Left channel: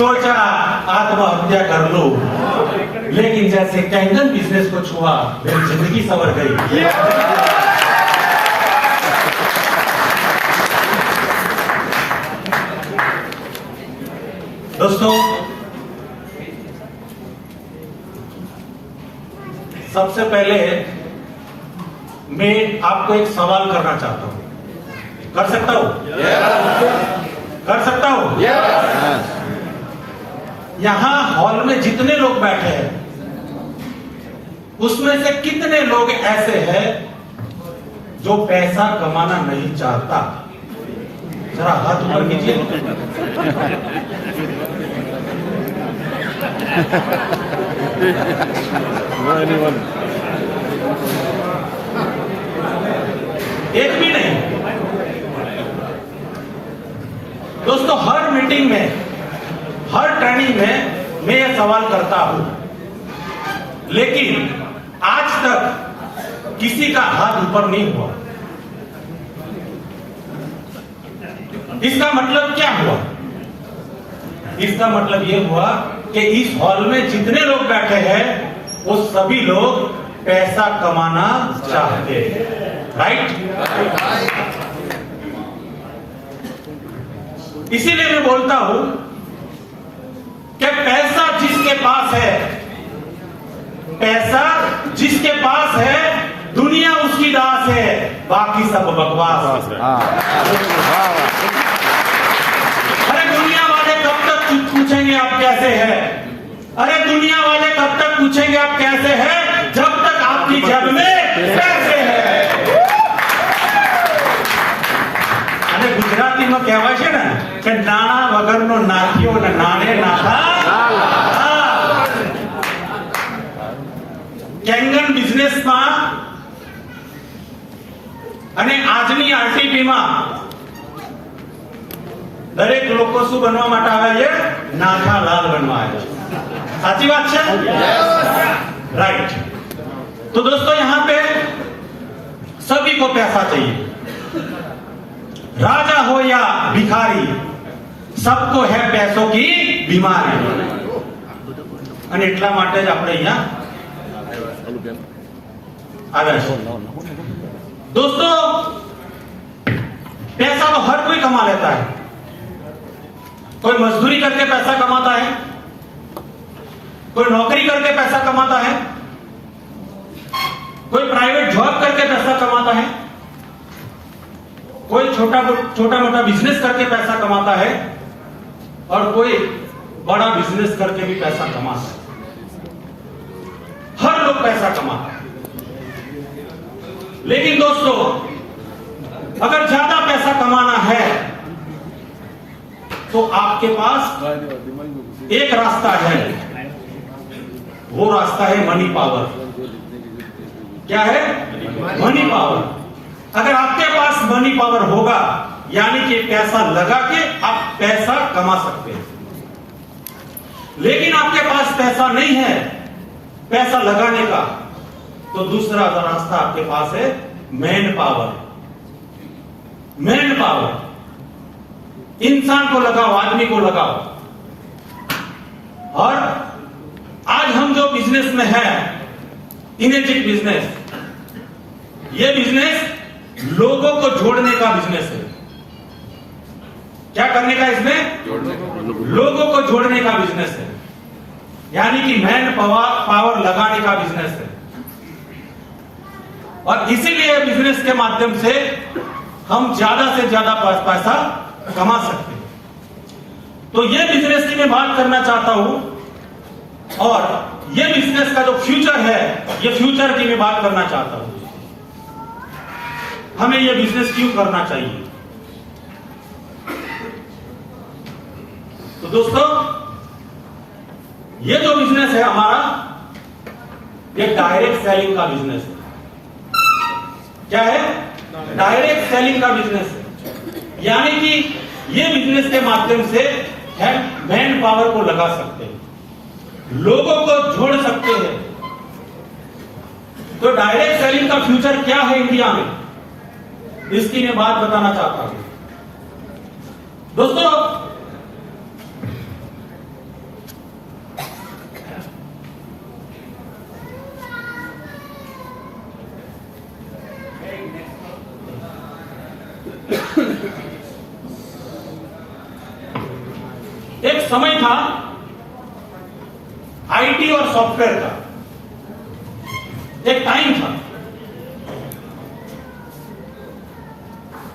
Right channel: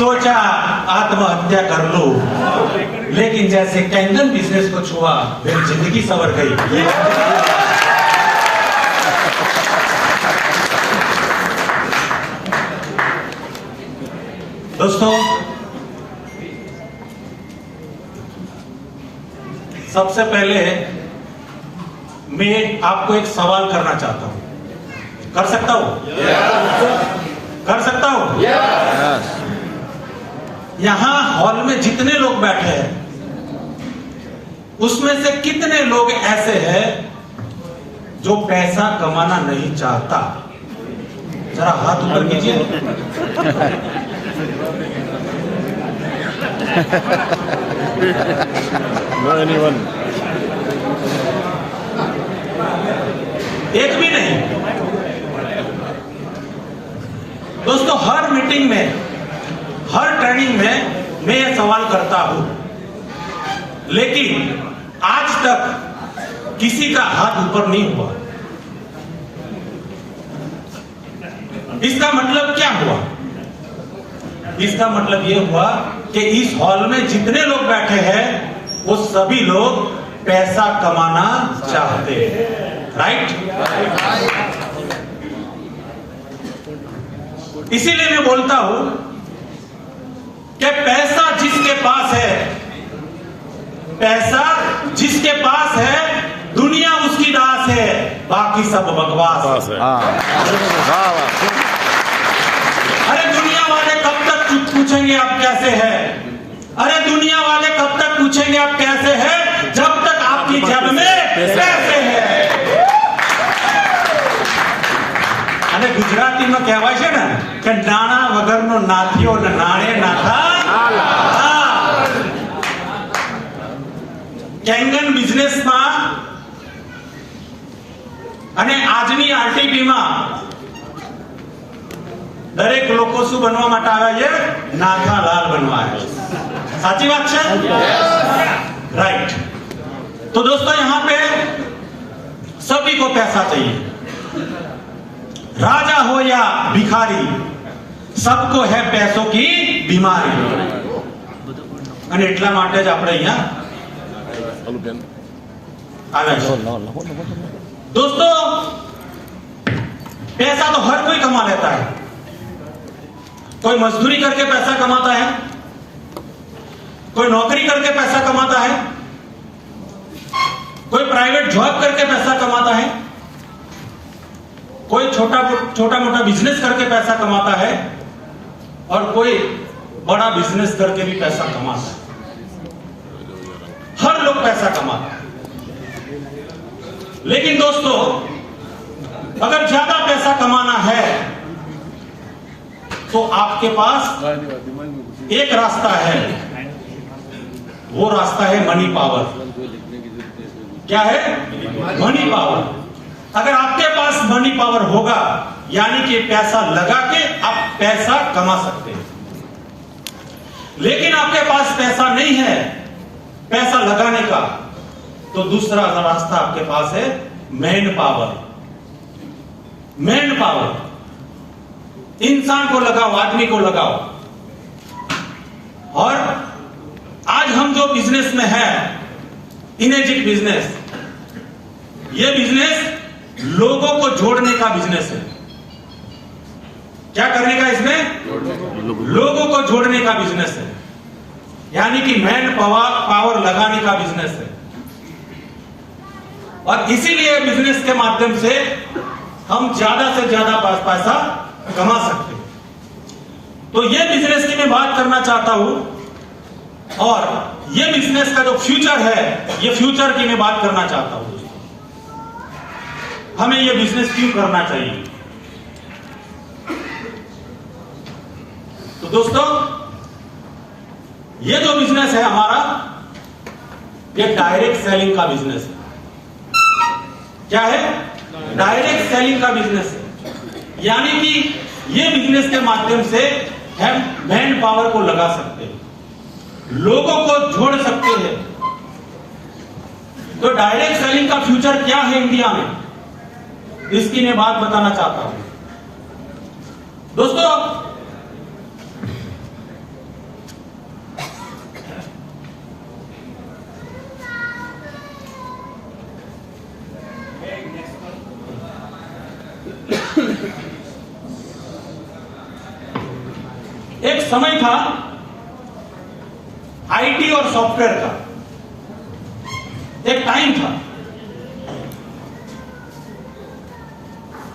सोचा आत्महत्या कर लूं, लेकिन जैसे कैंगन बिजनेस को छुआ मेरी जिंदगी संवर गई। दोस्तों, सबसे पहले मैं आपको एक सवाल करना चाहता हूं। कर सकता हूं? कर सकता हूं? यहां हॉल में जितने लोग बैठे हैं उसमें से कितने लोग ऐसे हैं जो पैसा कमाना नहीं चाहता? जरा हाथ ऊपर कीजिए। एक भी नहीं। दोस्तों, हर मीटिंग में, हर ट्रेनिंग में मैं ये सवाल करता हूं, लेकिन आज तक किसी का हाथ ऊपर नहीं हुआ। इसका मतलब क्या हुआ? इसका मतलब ये हुआ कि इस हॉल में जितने लोग बैठे हैं वो सभी लोग पैसा कमाना चाहते हैं। राइट? इसीलिए मैं बोलता हूं कि पैसा जिसके पास है, पैसा जिसके पास है, दुनिया उसकी दास है, बाकी सब बकवास है। अरे दुनिया वाले कब तक पूछेंगे आप कैसे हैं? अरे दुनिया वाले कब तक पूछेंगे आप कैसे हैं, जब तक आपकी जेब में पैसे हैं। અને ગુજરાતીમાં કહેવાય છે ને કે નાણા વગરનો નાથિયો ને નાણે નાથા। કેંગન બિઝનેસમાં અને આજની આરટીપીમાં દરેક લોકો શું બનવા માટે આવે છે? નાથાલાલ બનવા આવે છે। સાચી વાત છે? राइट। तो दोस्तों, यहां पे सभी को पैसा चाहिए, राजा हो या भिखारी, सबको है पैसों की बीमारी। અને એટલા માટે જ આપણે અહીંયા આવ્યા છે। दोस्तों, पैसा तो हर कोई कमा लेता है। कोई मजदूरी करके पैसा कमाता है, कोई नौकरी करके पैसा कमाता है, कोई प्राइवेट जॉब करके पैसा कमाता है, कोई छोटा मोटा बिजनेस करके पैसा कमाता है, और कोई बड़ा बिजनेस करके भी पैसा कमाता है। हर लोग पैसा कमाता है। लेकिन दोस्तों, अगर ज्यादा पैसा कमाना है तो आपके पास एक रास्ता है, वो रास्ता है मनी पावर। क्या है? Money power. अगर आपके पास मनी पावर होगा, यानी कि पैसा लगा के आप पैसा कमा सकते हैं। लेकिन आपके पास पैसा नहीं है पैसा लगाने का, तो दूसरा रास्ता आपके पास है मैन पावर। मैन पावर, इंसान को लगाओ, आदमी को लगाओ। और आज हम जो बिजनेस में है, इनेजिक बिजनेस, ये बिजनेस लोगों को जोड़ने का बिजनेस है। क्या करने का? इसमें लोगों को जोड़ने का बिजनेस है, यानी कि मैन पावर लगाने का बिजनेस है। और इसीलिए बिजनेस के माध्यम से हम ज्यादा से ज्यादा पैसा कमा सकते हैं। तो ये बिजनेस की मैं बात करना चाहता हूं, और ये बिजनेस का जो फ्यूचर है, ये फ्यूचर की मैं बात करना चाहता हूं। हमें ये बिजनेस क्यों करना चाहिए? तो दोस्तों, ये जो बिजनेस है हमारा, ये डायरेक्ट सेलिंग का बिजनेस है। क्या है? डायरेक्ट सेलिंग का बिजनेस है। यानी कि ये बिजनेस के माध्यम से हम मैन पावर को लगा सकते हैं, लोगों को जोड़ सकते हैं। तो डायरेक्ट सेलिंग का फ्यूचर क्या है इंडिया में, इसकी मैं बात बताना चाहता हूं। दोस्तों, एक समय था आईटी और सॉफ्टवेयर का, एक टाइम था।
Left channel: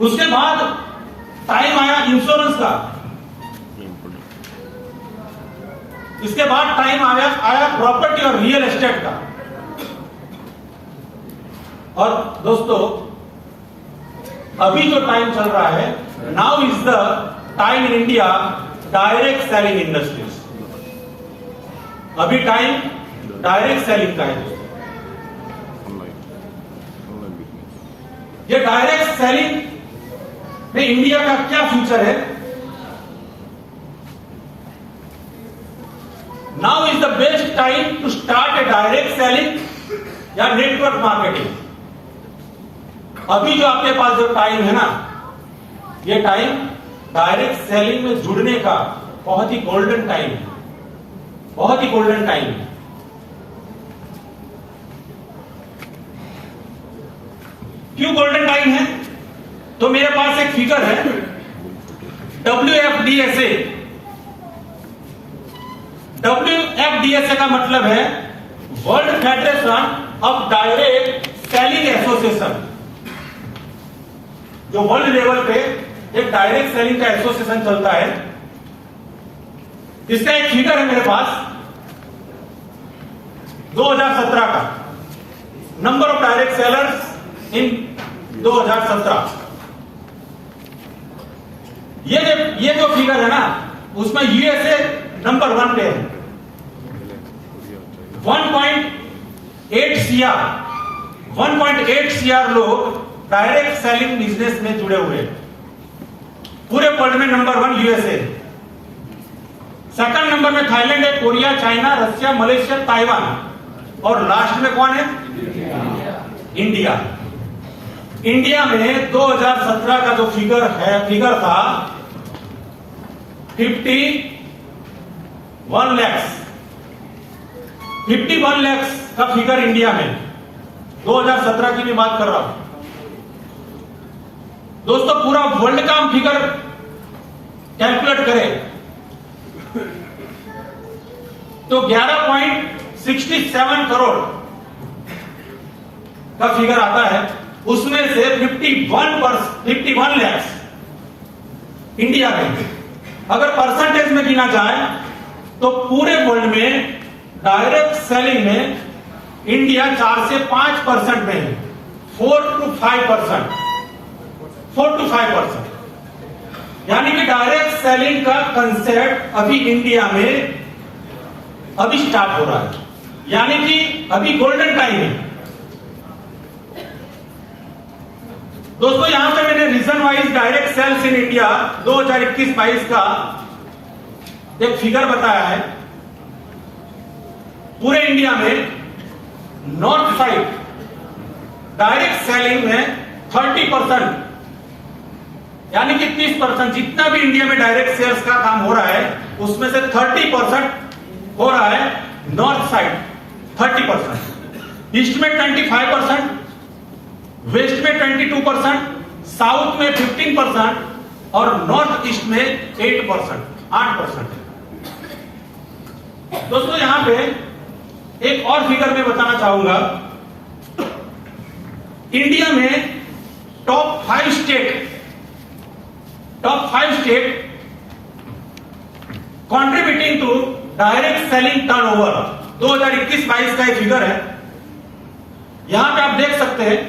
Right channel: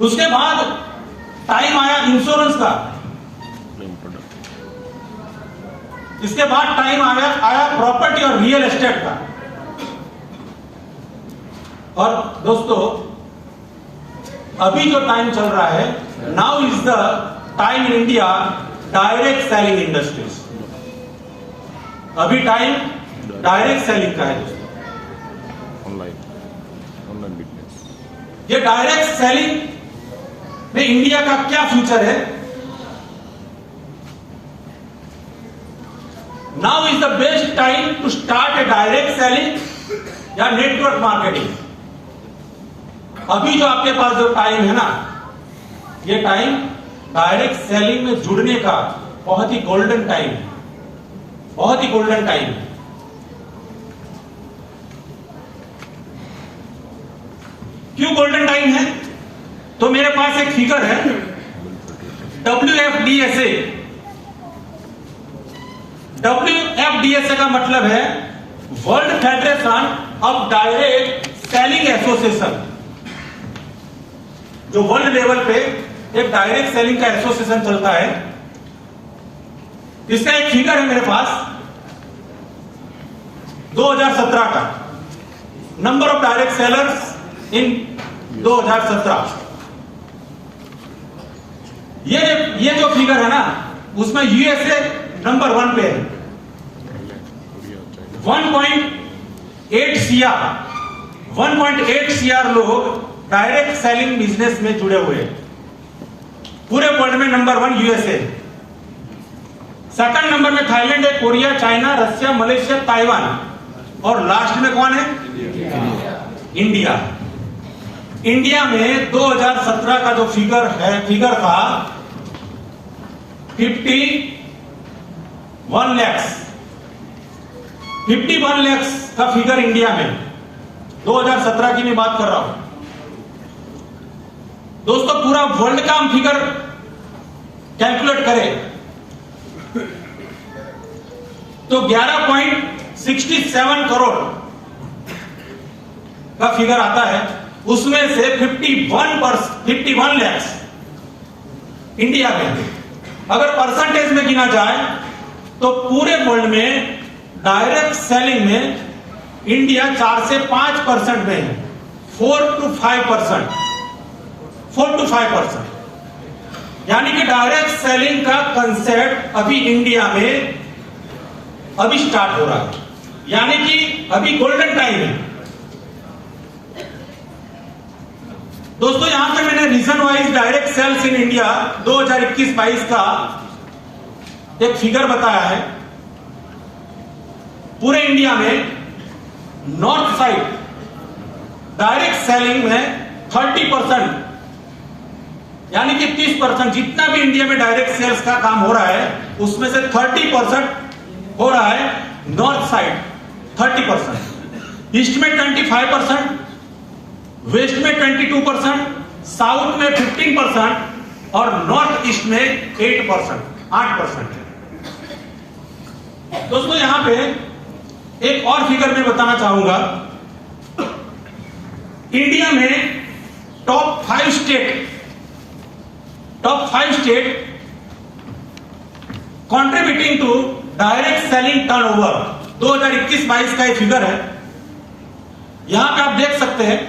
उसके बाद टाइम आया इंश्योरेंस का, इसके बाद टाइम आया प्रॉपर्टी और रियल एस्टेट का। और दोस्तों, अभी जो टाइम चल रहा है, now is the time in India direct selling industries. अभी टाइम डायरेक्ट सेलिंग का है। ये डायरेक्ट सेलिंग में इंडिया का क्या फ्यूचर है? Now is the best time to start a direct selling या नेटवर्क मार्केटिंग। अभी जो आपके पास जो टाइम है ना, ये टाइम डायरेक्ट सेलिंग में जुड़ने का बहुत ही गोल्डन टाइम है, बहुत ही गोल्डन टाइम है। क्यों गोल्डन टाइम है? तो मेरे पास एक फिगर है WFDSA। WFDSA का मतलब है world federation of direct selling association. जो वर्ल्ड लेवल पे एक डायरेक्ट सेलिंग का एसोसिएशन चलता है, इसका एक फिगर है मेरे पास 2017 का, नंबर ऑफ डायरेक्ट सेलर्स इन 2017। ये जो फिगर है ना, उसमें यूएसए नंबर 1 पे है। 1.8 सीआर लोग डायरेक्ट सेलिंग बिजनेस में जुड़े हुए हैं। पूरे वर्ल्ड में नंबर 1 यूएसए। सेकंड नंबर में थाईलैंड है, Korea, China, Russia, Malaysia, Taiwan, और लास्ट में कौन है? इंडिया। इंडिया में 2017 का जो फिगर था 51 लाख का फिगर इंडिया में 2017 की मैं बात कर रहा हूं। दोस्तों, पूरा वर्ल्ड का हम फिगर कैलकुलेट करें तो 11.67 करोड़ का फिगर आता है। उसमें से 51 लाख इंडिया में। अगर परसेंटेज में गिना जाए तो पूरे वर्ल्ड में डायरेक्ट सेलिंग में इंडिया 4 से 5% में है। 4 to 5%, यानी कि डायरेक्ट सेलिंग का कंसेप्ट अभी इंडिया में अभी स्टार्ट हो रहा है, यानी कि अभी गोल्डन टाइम है। दोस्तों, यहां से मैंने region wise direct sales in India 2021-22 का एक फिगर बताया है। पूरे इंडिया में नॉर्थ साइड डायरेक्ट सेलिंग में 30%, यानी कि 30%, जितना भी इंडिया में डायरेक्ट सेल्स का काम हो रहा है उसमें से 30% हो रहा है नॉर्थ साइड, 30%, ईस्ट में 25%, वेस्ट में 22%, साउथ में 15% और नॉर्थ ईस्ट में 8%। दोस्तों, यहां पे एक और फिगर मैं बताना चाहूंगा। इंडिया में top 5 state contributing to direct selling turnover 2021-22 का एक फिगर है। यहां पे आप देख सकते हैं,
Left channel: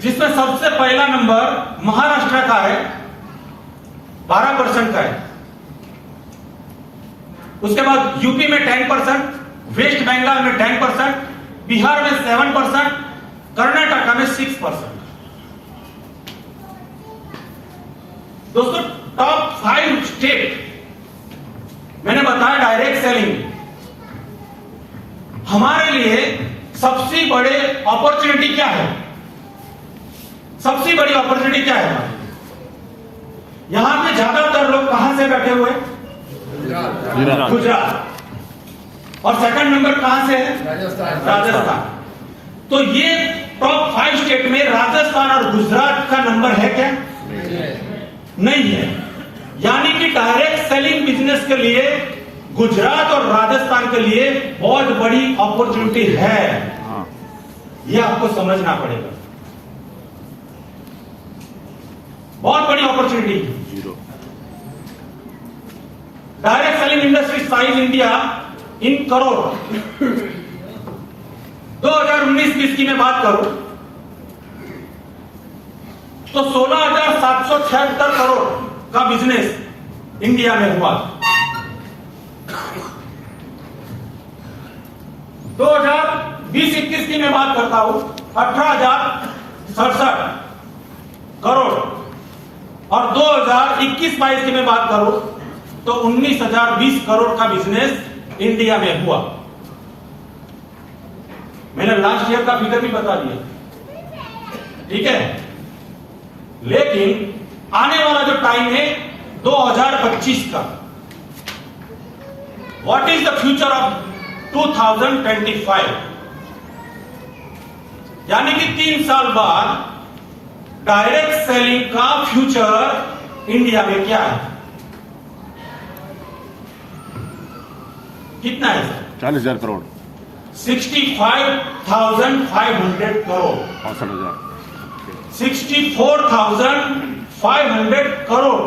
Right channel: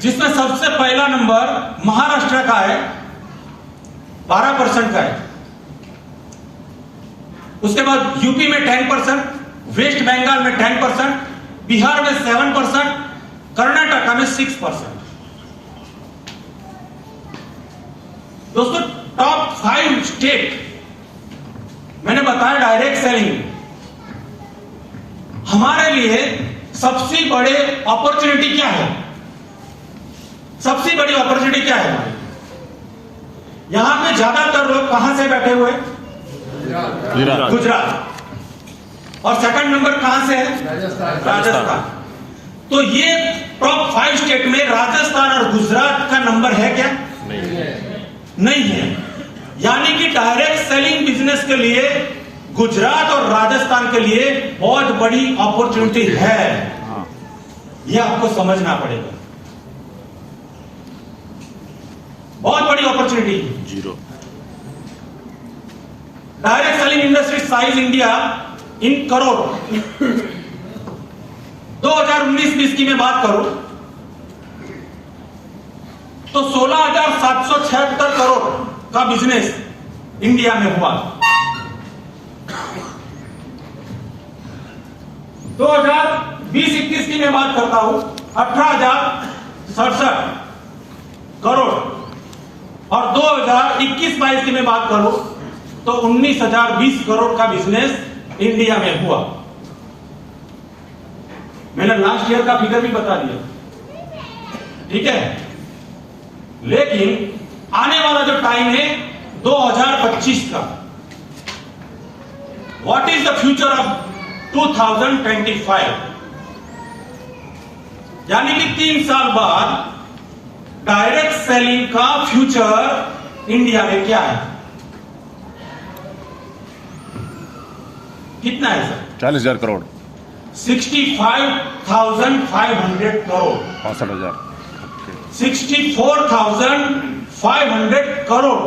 जिसमें सबसे पहला नंबर महाराष्ट्र का है, 12% का है। उसके बाद यूपी में 10%, वेस्ट बंगाल में 10%, बिहार में 7%, कर्नाटका में 6%। दोस्तों, टॉप 5 स्टेट मैंने बताया डायरेक्ट सेलिंग। हमारे लिए सबसे बड़े अपॉर्चुनिटी क्या है? सबसे बड़ी अपॉर्चुनिटी क्या है हमारी? यहां पे ज्यादातर लोग कहां से बैठे हुए? गुजरात। और सेकंड नंबर कहां से है? राजस्थान। तो ये टॉप 5 स्टेट में राजस्थान और गुजरात का नंबर है क्या? नहीं है। यानी कि डायरेक्ट सेलिंग बिजनेस के लिए गुजरात और राजस्थान के लिए बहुत बड़ी अपॉर्चुनिटी है। यह आपको समझना पड़ेगा, बहुत बड़ी अपॉर्चुनिटी है। Direct selling industry size India in crore 2019-20 की मैं बात करूं तो 16,776 करोड़ का बिजनेस इंडिया में हुआ। 2020-21 की मैं बात करता हूं 18,067 करोड़ और 2021-22 की मैं बात करूं तो 19,020 करोड़ का बिजनेस इंडिया में हुआ। मैंने लास्ट ईयर का फिगर भी बता दिया, ठीक है। लेकिन आने वाला जो टाइम है 2025 का, what is the future of 2025, यानी कि 3 साल बाद डायरेक्ट सेलिंग का फ्यूचर इंडिया में क्या है? कितना है सर? 40,000 करोड़, 65,500 करोड़, 65,000, 64,500 करोड़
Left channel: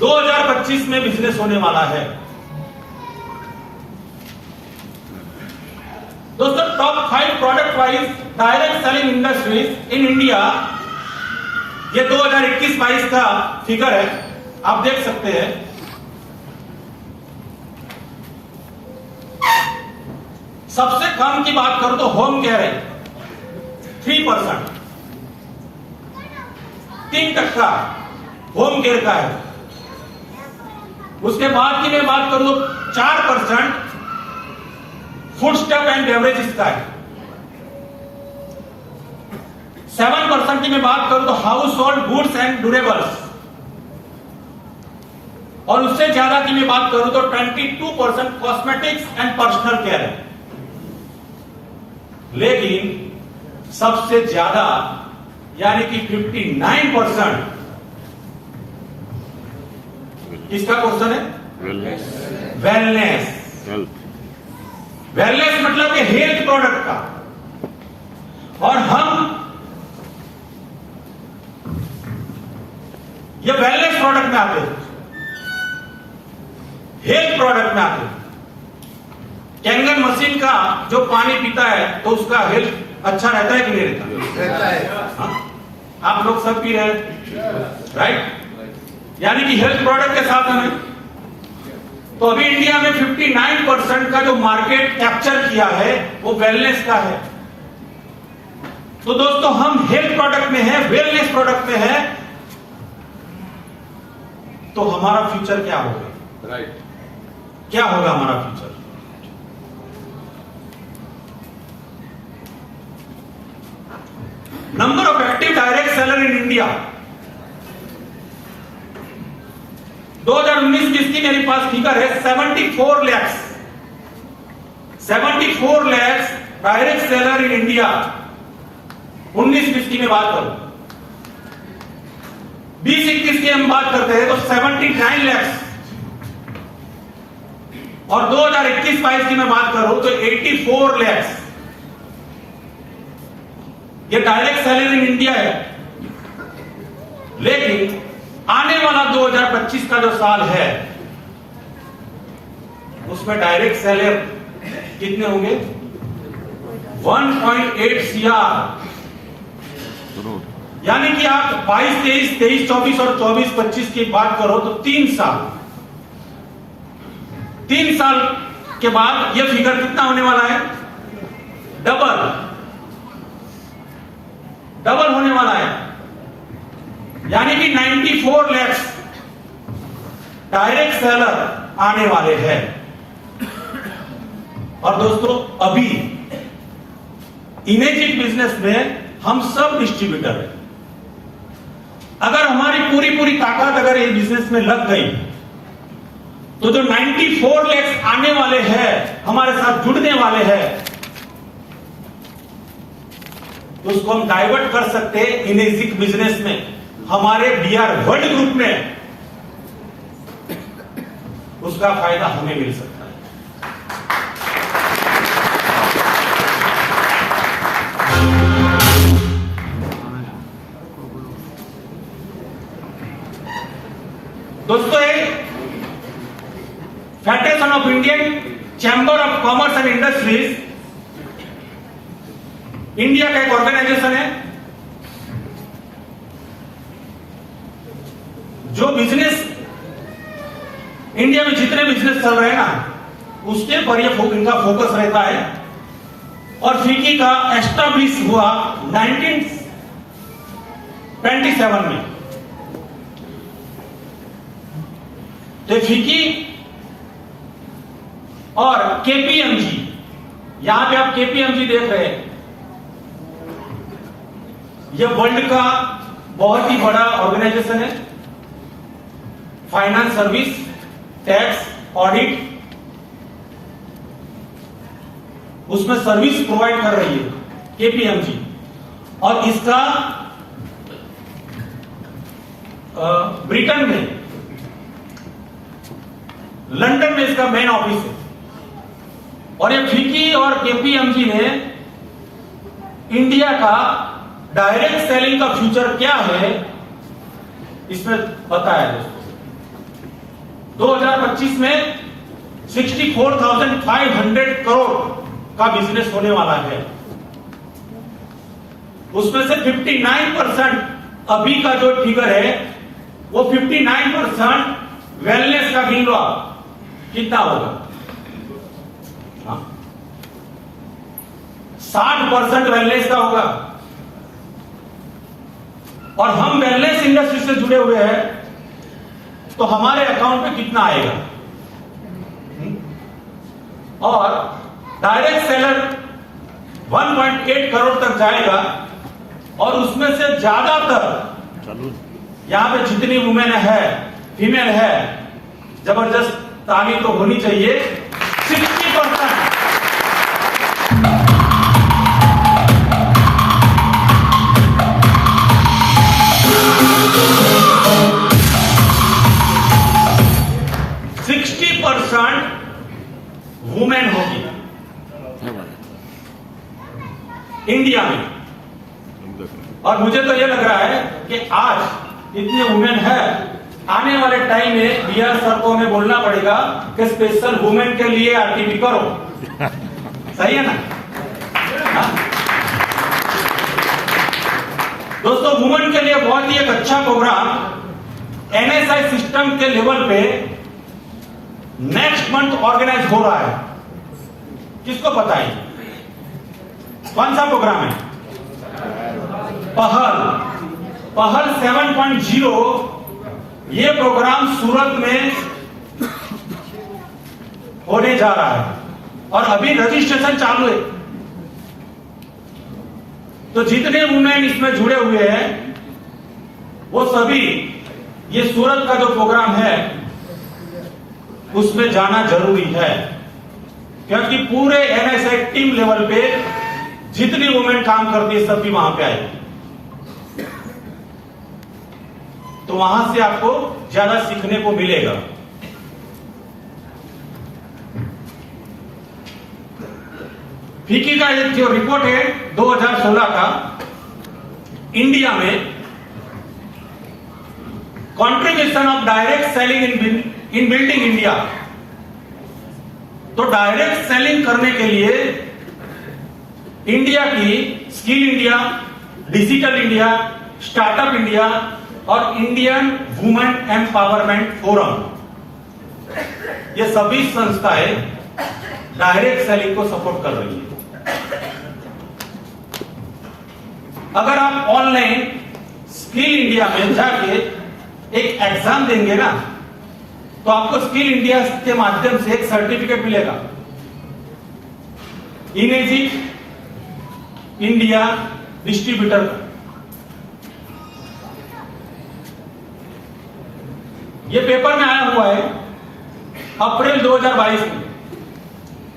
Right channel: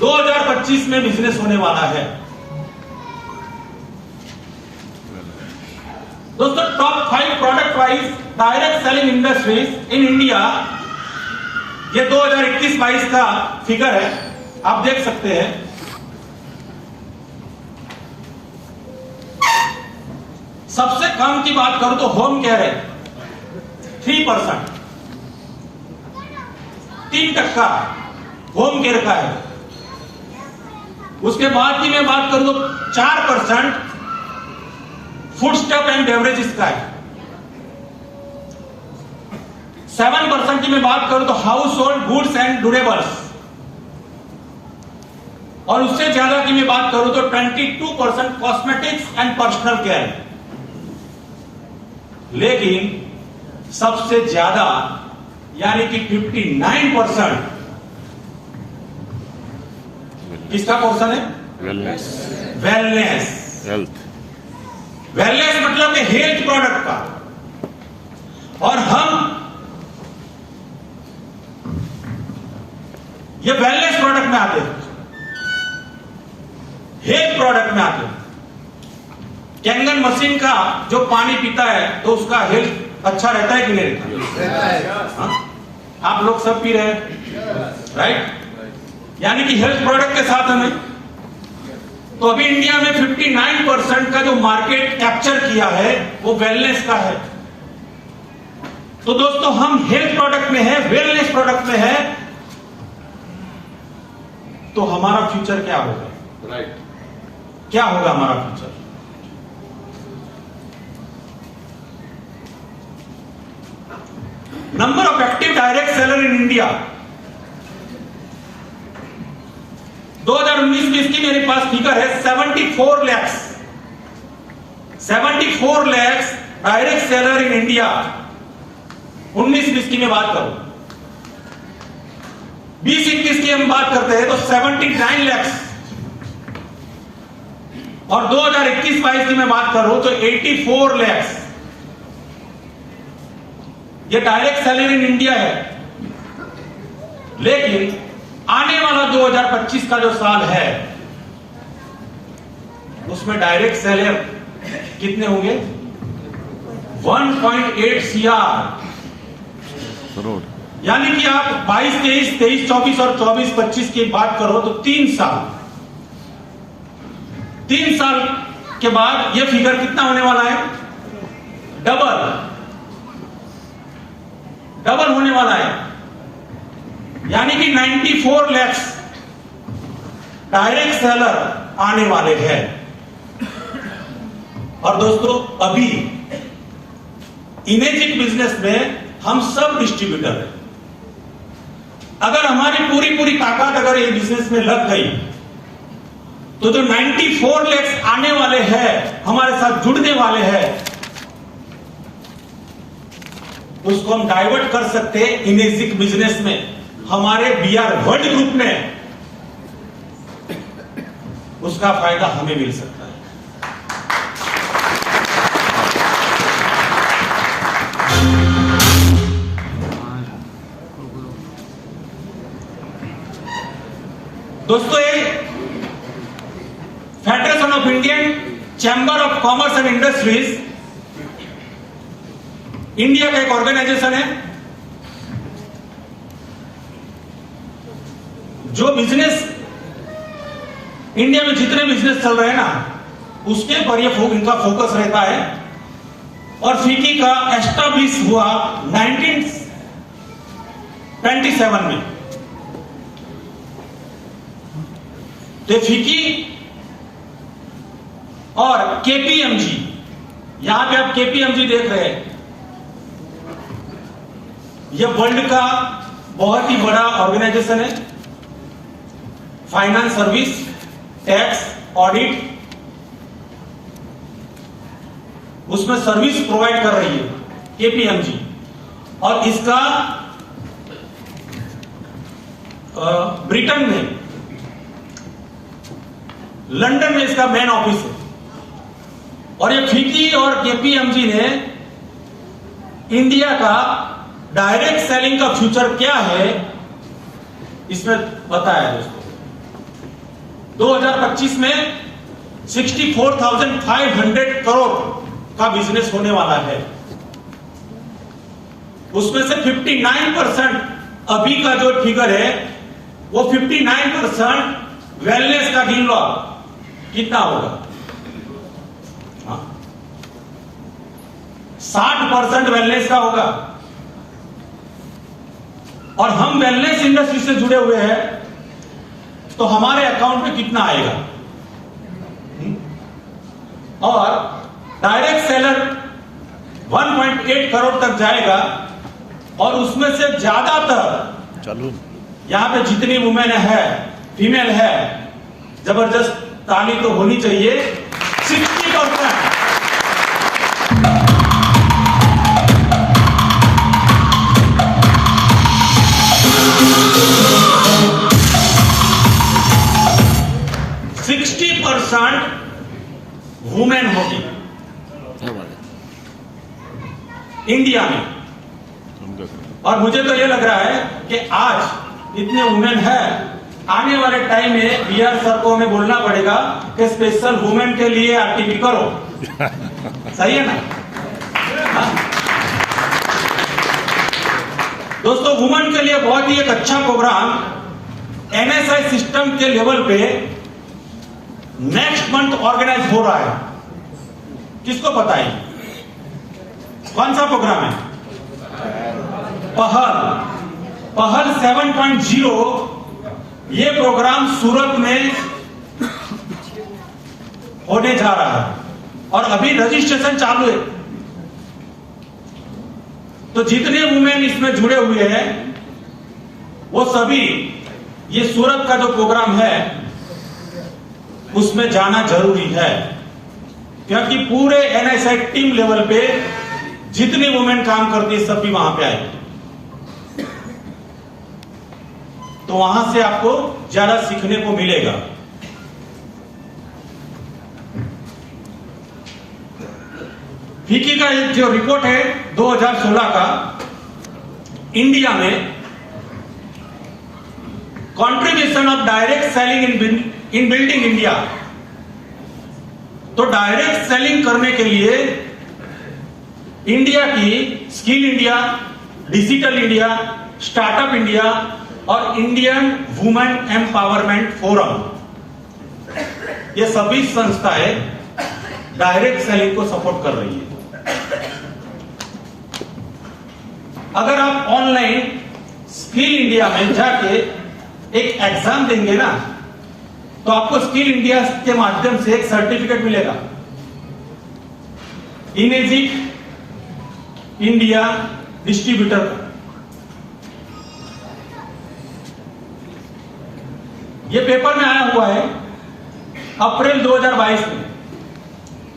2025 में बिजनेस होने वाला है। दोस्तों, top 5 product wise direct selling industries in India, ये 2021-22 का फिगर है, आप देख सकते हैं। सबसे कम की बात करूं तो होम केयर है 3%, 3% होम केयर का है। उसके बाद की मैं बात करूं तो 4% फूड स्टफ एंड बेवरेजेस का है। 7% की मैं बात करूं तो house hold goods and durables, और उससे ज्यादा की मैं बात करूं तो 22% कॉस्मेटिक्स एंड पर्सनल केयर। लेकिन सबसे ज्यादा यानी कि 59% किसका पोर्शन है? वेलनेस, वेलनेस, हेल्थ, वेलनेस मतलब कि हेल्थ प्रोडक्ट का। और हम ये वेलनेस प्रोडक्ट में आते हैं, हेल्थ प्रोडक्ट में आते हैं। कैंगन मशीन का जो पानी पीता है तो उसका हेल्थ अच्छा रहता है कि नहीं रहता है? आप लोग सब पी रहे हैं, राइट? यानी कि हेल्थ प्रोडक्ट के साथ हमें, तो अभी इंडिया में 59% का जो मार्केट कैप्चर किया है वो वेलनेस का है। तो दोस्तों, हम हेल्थ प्रोडक्ट में है, वेलनेस प्रोडक्ट में है, तो हमारा फ्यूचर क्या होगा? राइट, क्या होगा हमारा future? Number of active direct seller in India 2019-20 की मेरे पास फिगर है 74 lakh direct seller in India. 19-20 की मैं बात करूं, 20-21 की हम बात करते हैं तो 79 लाख, और 2021-22 की मैं बात करूं तो 84 लाख। ये डायरेक्ट सेलर इन इंडिया है। लेकिन आने वाला 2025 का जो साल है उसमें डायरेक्ट सेलर कितने होंगे? 1.8 CR। यानी कि आप 22-23, 23-24 और 24-25 की बात करो तो 3 साल के बाद ये फिगर कितना होने वाला है? डबल होने वाला है। यानी कि 94 लाख डायरेक्ट सेलर आने वाले हैं। और दोस्तों, अभी इमेजिन बिजनेस में हम सब डिस्ट्रीब्यूटर हैं। अगर हमारी पूरी ताकत अगर ये बिजनेस में लग गई तो जो 94 लाख आने वाले हैं, हमारे साथ जुड़ने वाले हैं, उसको हम डाइवर्ट कर सकते हैं इनेजिक बिजनेस में। हमारे बीआर वर्ल्ड ग्रुप में उसका फायदा हमें मिल सकता है। दोस्तों, federation of Indian chamber of commerce and industries India का एक ऑर्गेनाइजेशन है जो बिजनेस इंडिया में जितने बिजनेस चल रहे हैं ना, उसके पर इनका फोकस रहता है। और फिकी का एस्टैब्लिश हुआ 1927 में। तो फिकी और केपीएमजी, यहां पे आप केपीएमजी देख रहे हैं, ये वर्ल्ड का बहुत ही बड़ा ऑर्गेनाइजेशन है। फाइनेंस सर्विस, टैक्स, ऑडिट, उसमें सर्विस प्रोवाइड कर रही है केपीएमजी। और इसका ब्रिटेन में, लंदन में इसका मेन ऑफिस है। और ये फिकी और केपीएमजी ने इंडिया का डायरेक्ट सेलिंग का फ्यूचर क्या है इसमें बताया दोस्तों। 2025 में 64,500 करोड़ का बिजनेस होने वाला है। उसमें से 59% अभी का जो फिगर है वो 59% वेलनेस का गिन लो आप, कितना होगा? 60% वेलनेस का होगा। और हम वेलनेस इंडस्ट्री से जुड़े हुए हैं, तो हमारे अकाउंट में कितना आएगा? और डायरेक्ट सेलर 1.8 करोड़ तक जाएगा। और उसमें से ज्यादातर यहां पे जितनी वुमेन है, फीमेल है, जबरदस्त ताली तो होनी चाहिए, 60%। वुमेन होगी इंडिया में। और मुझे तो यह लग रहा है कि आज इतने वुमेन है, आने वाले टाइम में बीआर सर को हमें बोलना पड़ेगा कि स्पेशल वुमेन के लिए आरटीपी करो। सही है ना? हाँ? दोस्तों, वुमेन के लिए बहुत ही एक अच्छा प्रोग्राम एनएसआई सिस्टम के लेवल पे नेक्स्ट मंथ ऑर्गेनाइज हो रहा है। किसको पता है कौन सा प्रोग्राम है? पहल 7.0। ये प्रोग्राम सूरत में होने जा रहा है और अभी रजिस्ट्रेशन चालू है। तो जितने वुमेन इसमें जुड़े हुए हैं वो सभी ये सूरत का जो प्रोग्राम है उसमें जाना जरूरी है, क्योंकि पूरे एनएसआई टीम लेवल पे जितनी वुमेन काम करती है सब भी वहां पे आए। तो वहां से आपको ज्यादा सीखने को मिलेगा। फिकी का एक जो रिपोर्ट है 2016 का, इंडिया में contribution of direct selling in building India. तो डायरेक्ट सेलिंग करने के लिए इंडिया की skill India, digital India, startup India और इंडियन वुमेन एम्पावरमेंट फोरम, ये सभी संस्थाएं डायरेक्ट सेलिंग को सपोर्ट कर रही है। अगर आप ऑनलाइन स्किल इंडिया में जाके एक एग्जाम देंगे ना, तो आपको स्किल इंडिया के माध्यम से एक सर्टिफिकेट मिलेगा। इमेजिक इंडिया डिस्ट्रीब्यूटर। ये पेपर में आया हुआ है अप्रैल 2022 में।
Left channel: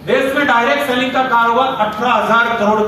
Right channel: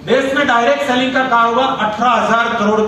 देश में डायरेक्ट सेलिंग का कारोबार 18,000 करोड़